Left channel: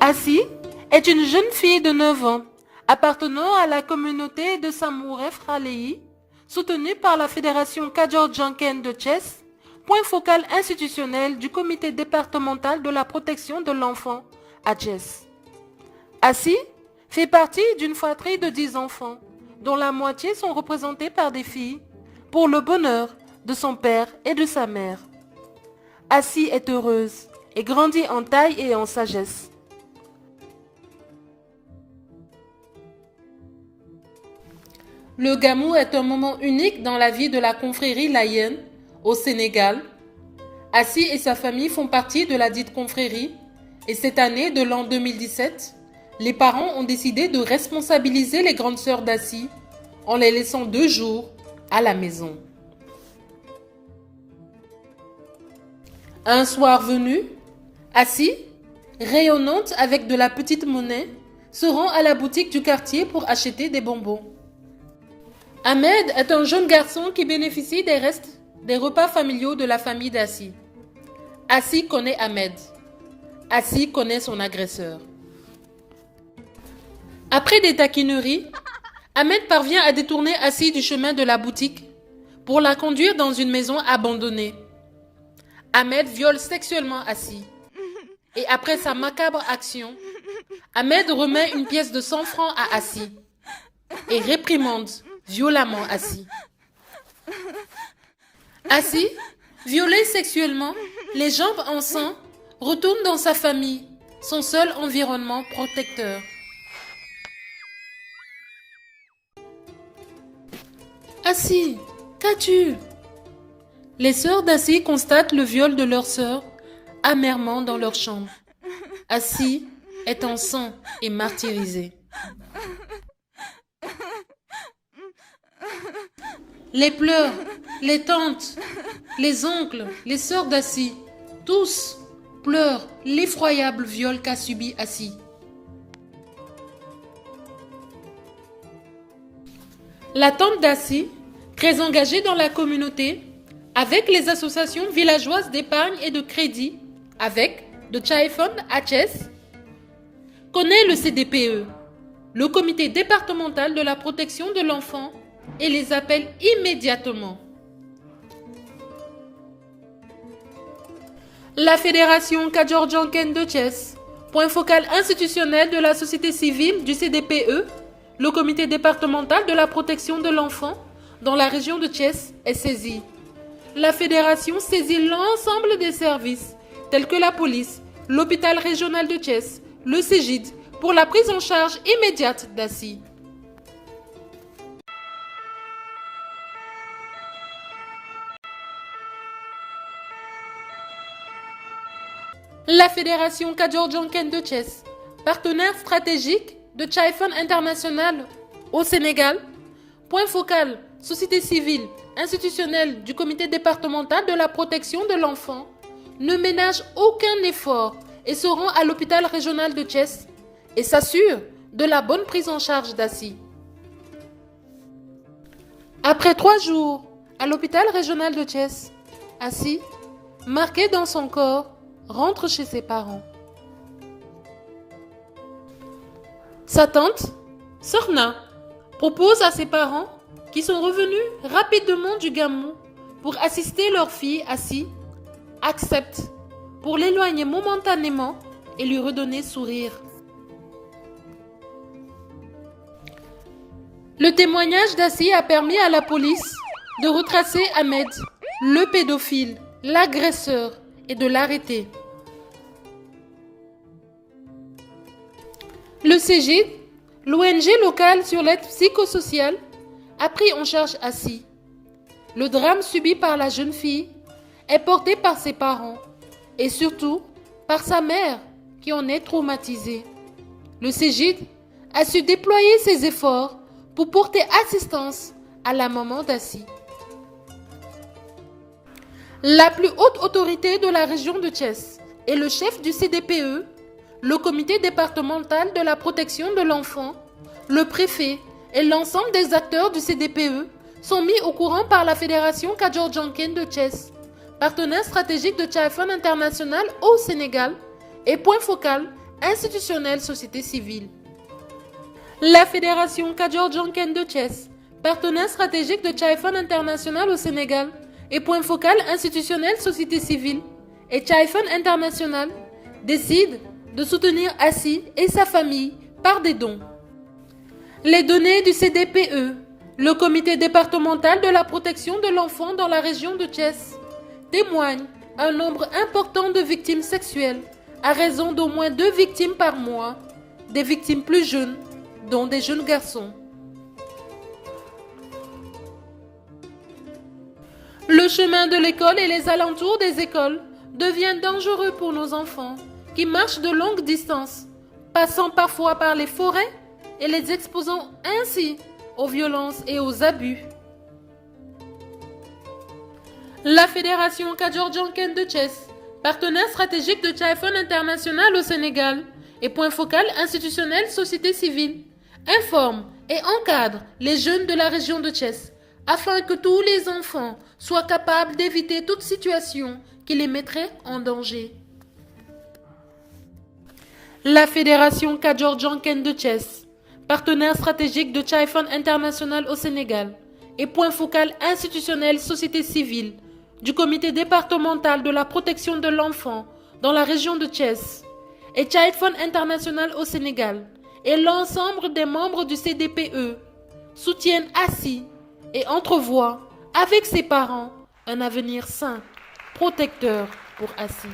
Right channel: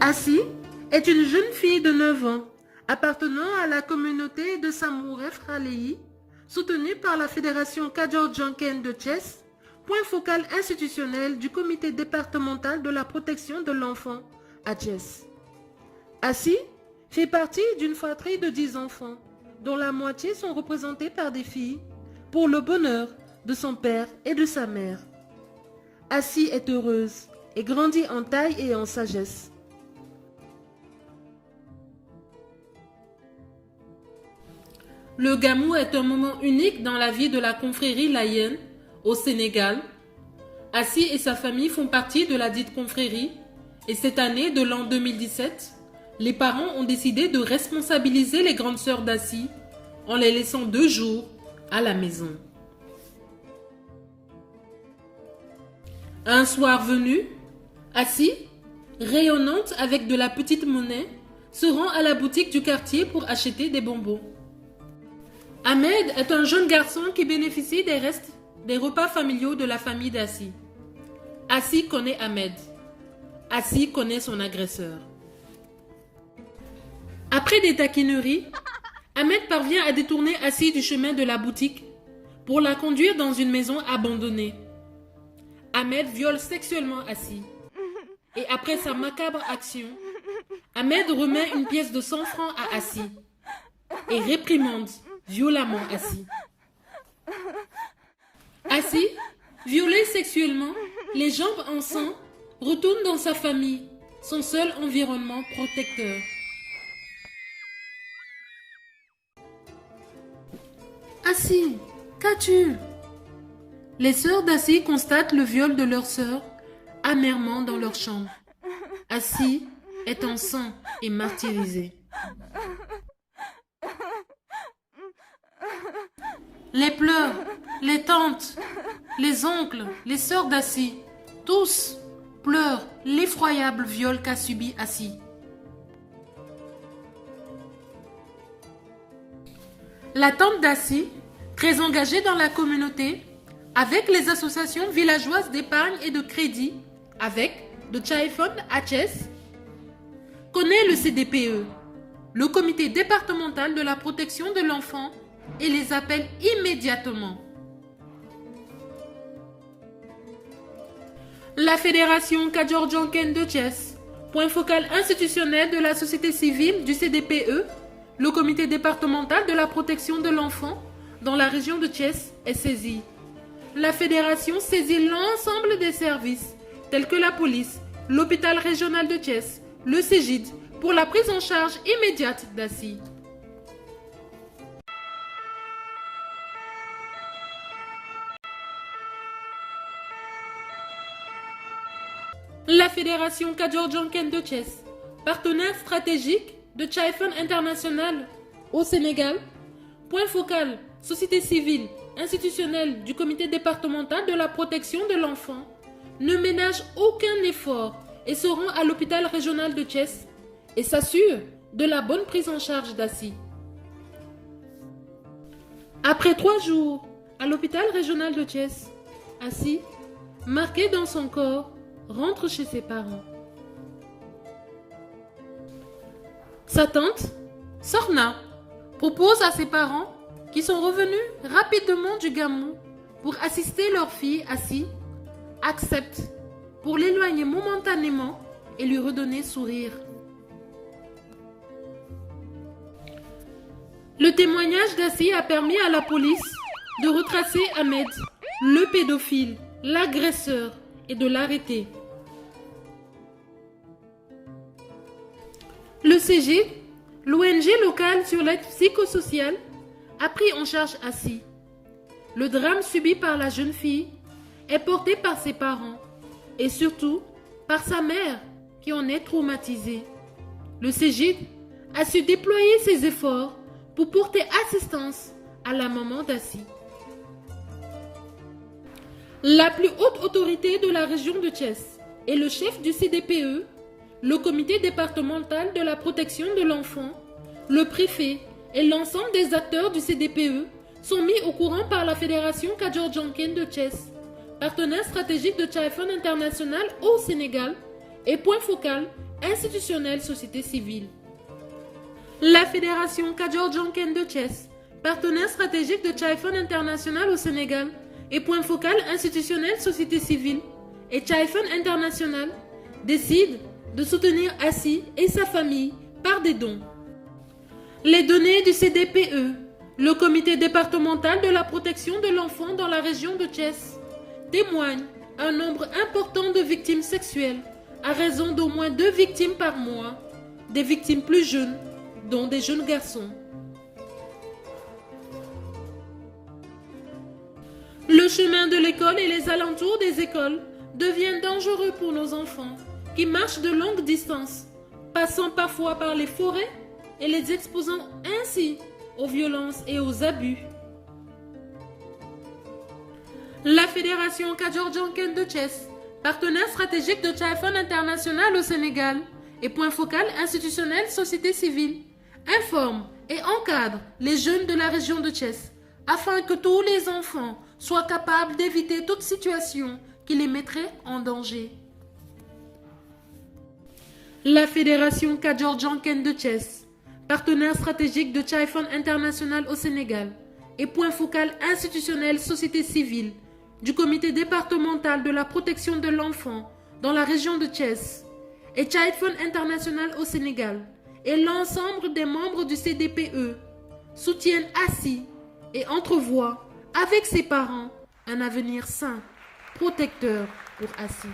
Assi est une jeune fille de 9 ans, appartenant à la communauté de Samouref Raleigh, soutenue par la Fédération Kadior-Janken de Thiès, point focal institutionnel du comité départemental de la protection de l'enfant à Thiès. Assi fait partie d'une fratrie de 10 enfants, dont la moitié sont représentés par des filles, pour le bonheur de son père et de sa mère. Assi est heureuse et grandit en taille et en sagesse. Le Gamou est un moment unique dans la vie de la confrérie laïenne au Sénégal. Assi et sa famille font partie de la dite confrérie et cette année de l'an 2017, les parents ont décidé de responsabiliser les grandes sœurs d'Assi en les laissant 2 jours à la maison. Un soir venu, Assi, rayonnante avec de la petite monnaie, se rend à la boutique du quartier pour acheter des bonbons. Ahmed est un jeune garçon qui bénéficie des restes des repas familiaux de la famille d'Assi. Assi connaît Ahmed. Assi connaît son agresseur. Après des taquineries, Ahmed parvient à détourner Assi du chemin de la boutique pour la conduire dans une maison abandonnée. Ahmed viole sexuellement Assi. Et après sa macabre action, Ahmed remet une pièce de 100 francs à Assi et réprimande violemment Assi. Assi, violé sexuellement, les jambes en sang, retourne dans sa famille, son seul environnement protecteur. Assi, qu'as-tu? Les sœurs d'Assi constatent le viol de leur sœur amèrement dans leur chambre. Assi est en sang et martyrisé. Les pleurs, les tantes, les oncles, les sœurs d'Assi, tous pleurent l'effroyable viol qu'a subi Assi. La tante d'Assi, très engagée dans la communauté, avec les associations villageoises d'épargne et de crédit, avec de Chaifon à Thiès, connaît le CDPE, le comité départemental de la protection de l'enfant, et les appelle immédiatement. La Fédération Kadior-Janken de Thiès, point focal institutionnel de la société civile du CDPE, le comité départemental de la protection de l'enfant dans la région de Thiès est saisi. La fédération saisit l'ensemble des services tels que la police, l'hôpital régional de Thiès, le CEGID pour la prise en charge immédiate d'Assi. La Fédération Kadior-Janken de Thiès, partenaire stratégique de Chaifon International au Sénégal, point focal, société civile, institutionnelle du comité départemental de la protection de l'enfant, ne ménage aucun effort et se rend à l'hôpital régional de Thiès et s'assure de la bonne prise en charge d'Assi. Après 3 jours à l'hôpital régional de Thiès, Assi, marqué dans son corps, rentre chez ses parents. Sa tante, Sorna, propose à ses parents, qui sont revenus rapidement du Gamou pour assister leur fille Assi, accepte pour l'éloigner momentanément et lui redonner sourire. Le témoignage d'Assi a permis à la police de retracer Ahmed, le pédophile, l'agresseur, et de l'arrêter. Le CEGID, l'ONG locale sur l'aide psychosociale, a pris en charge Assi. Le drame subi par la jeune fille est porté par ses parents et surtout par sa mère qui en est traumatisée. Le CEGID a su déployer ses efforts pour porter assistance à la maman d'Assi. La plus haute autorité de la région de Thiès et le chef du CDPE, le comité départemental de la protection de l'enfant, le préfet et l'ensemble des acteurs du CDPE sont mis au courant par la Fédération Kadior-Janken de Thiès, partenaire stratégique de Chaifon International au Sénégal et point focal institutionnelle société civile. La Fédération Kadior-Djanken de Thiès, partenaire stratégique de Chai-Fon International au Sénégal et point focal institutionnel société civile, et Chai-Fon International décide de soutenir Assi et sa famille par des dons. Les données du CDPE, le comité départemental de la protection de l'enfant dans la région de Thiès, témoignent un nombre important de victimes sexuelles à raison d'au moins 2 victimes par mois, des victimes plus jeunes, dont des jeunes garçons. Le chemin de l'école et les alentours des écoles devient dangereux pour nos enfants qui marchent de longues distances, passant parfois par les forêts et les exposant ainsi aux violences et aux abus. La Fédération Kadior-Djanken de Thiès, partenaire stratégique de Chai-Fon International au Sénégal et point focal institutionnel société civile, informe et encadre les jeunes de la région de Thiès afin que tous les enfants soient capables d'éviter toute situation qui les mettrait en danger. La Fédération Kadior-Djanken de Thiès, partenaire stratégique de Chai-Fon International au Sénégal et point focal institutionnel société civile du comité départemental de la protection de l'enfant dans la région de Thiès et Chai-Fon International au Sénégal et l'ensemble des membres du CDPE soutiennent Assi et entrevoient avec ses parents un avenir sain, protecteur pour Assi.